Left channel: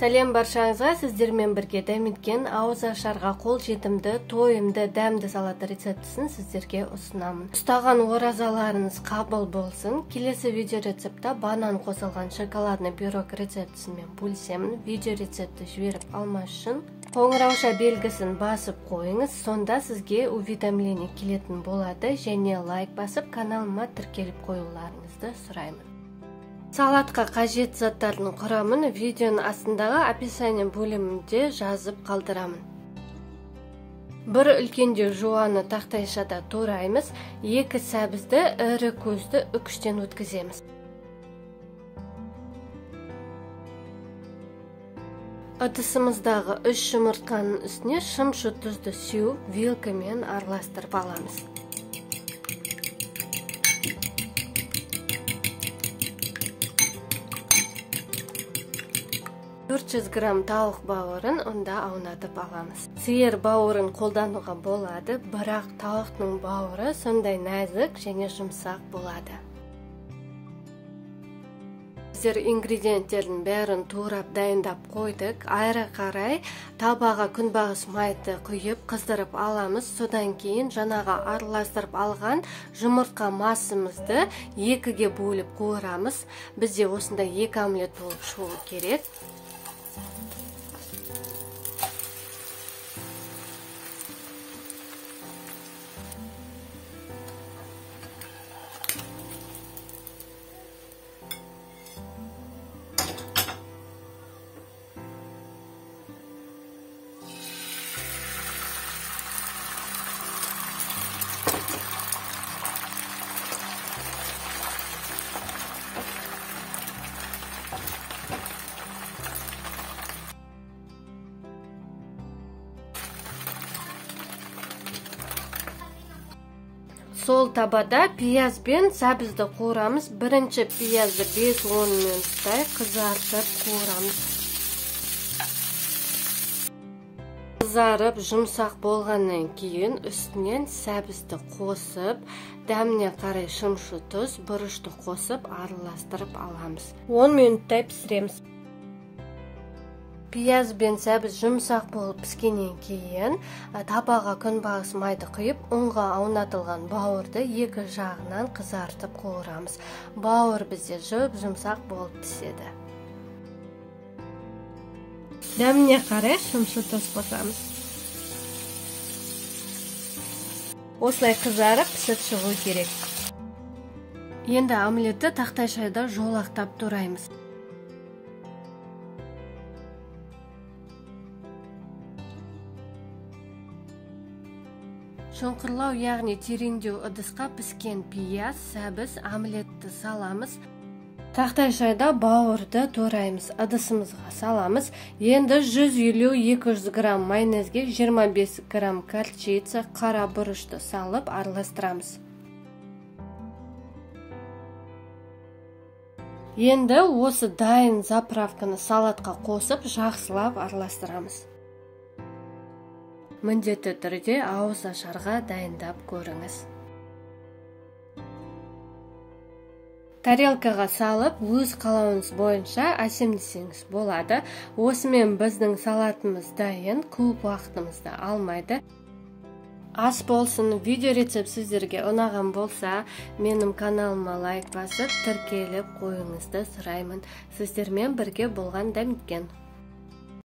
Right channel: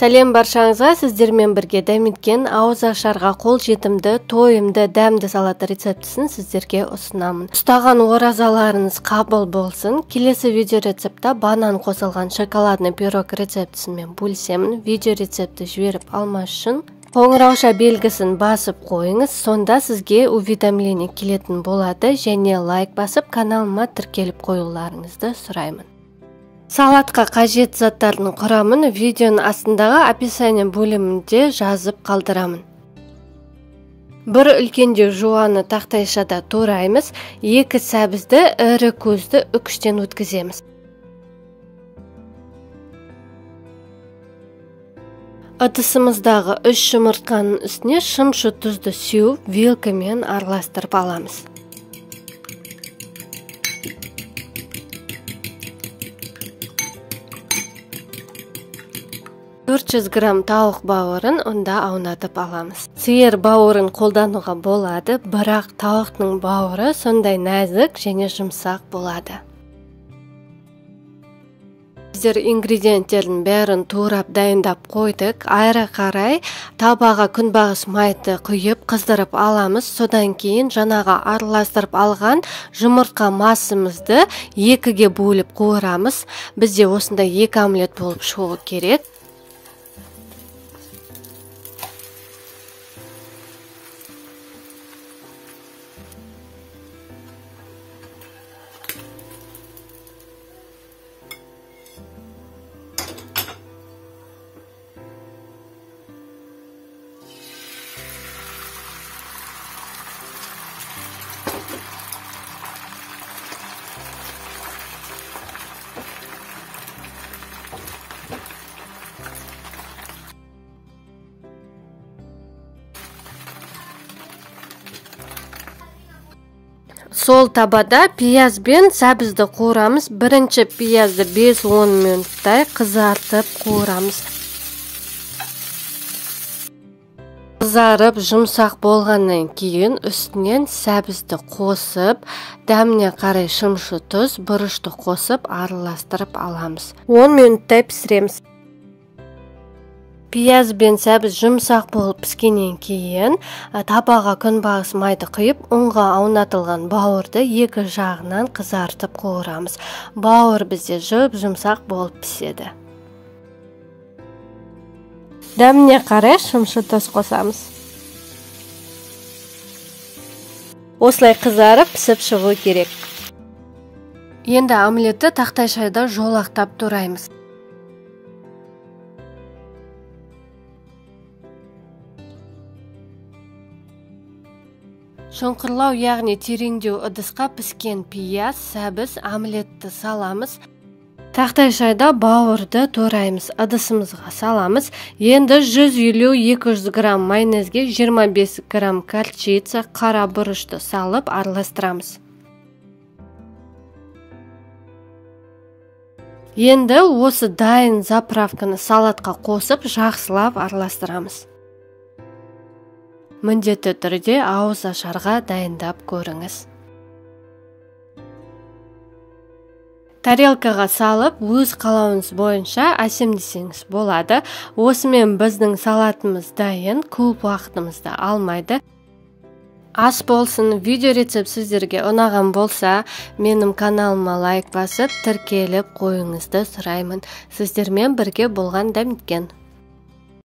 Сәлем баршаңызға, сіздермен бірге дәметкен ауыз ашарға қол жетімді, тойымды, дәмді салат рецептісін сіздерге ұсынамын. Ұстаған оразаларыңыз қабыл болсын. Келесі видео рецептта банан қосылған шоколадный пирог рецептісімен бөлісемін. Видео рецепті жіберіп алмас үшін қоңырауша белгісін басып қойыңыз, сонда сізге уведомление келетін болады, және лайк басып каналыма тіркеліп қоюларыңызды сұраймын. Салатқа қажет заттардың құрамын видеоның астындағы описание бөлімінде жазып қалдырамын. Бір үлкенде жуаны тақтайшада тураймыз, 2 сәбізді ірі көзді үкіштен өткіземіз. Ыдысымыздағы 3 жұмыртқаның үстіне шымшы тұзды сеуіп, вилкамен араластырып аламыз. 400 грамм тауық бауырын онда аунатып аламыз. Сиыр бауырын қолдануға болады, бірақ тауықтың бауыры сондай нәзік және жұмсақ болады. Біздер ингредиенттердің бәрін турап дайындап қойдық. Айра қарай табаға күнбағыс майды құйып қыздырып аламыз. Содан кейін жаңаға араластырып алған жұмыртқа массамызды 2-ге бөліп қуырамыз. Бізде осындай 2 омлет болып шығуы керек. Сол табада пияз бен сәбізді қуырамыз. Бірінші пиязды 5-10 минуттай қызартып қуырамыз. Қызарып жұмсақ болғаннан кейін үстінен сәбізді қосып, дәміне қарай шымшы тұз, бұрышты қосып араластырып аламыз. 10 минуттай пісіреміз. Пияз бен сәбіз жұмсақ болып піскеннен кейін табаға күнбағыс майды құйып, ұнға аунатылған бауырды 2 жағынан қызартып қуырамыз. Бауыр бізде жұмсақ болып піседі. Дәміне қарай шымшы тұз қосамыз. Осылай қызарып пісіп шығу керек. Енді омлетті тақтайшада жолақтап тураймыз. Шоңқырлау, яғни тереңдеу ыдысқа піскен пияз, сәбіз, омлетті саламыз. Тақтайшада бауырды тураймыз, ыдысымызға саламыз. Енді 150-200 грамм майонезге 25 грамм горчица, қара бұрышты салып араластырамыз. Енді осы дайын заправканы салатқа қосып, жақсылап араластырамыз. Міндетті түрде ауыз ашарға дайындап көріңіз. Тарелкаға салып, өз қалауыңыз бойынша әсемдесеңіз болады. Осымен біздің салатымыз дайын, көп уақытымызды алмайды. Ас болсын, видео рецепт сіздерге ұнаған болса, менің каналыма лайк басып, тіркеліп қойыңызды сұраймын. Сіздермен бірге болған дәметкен.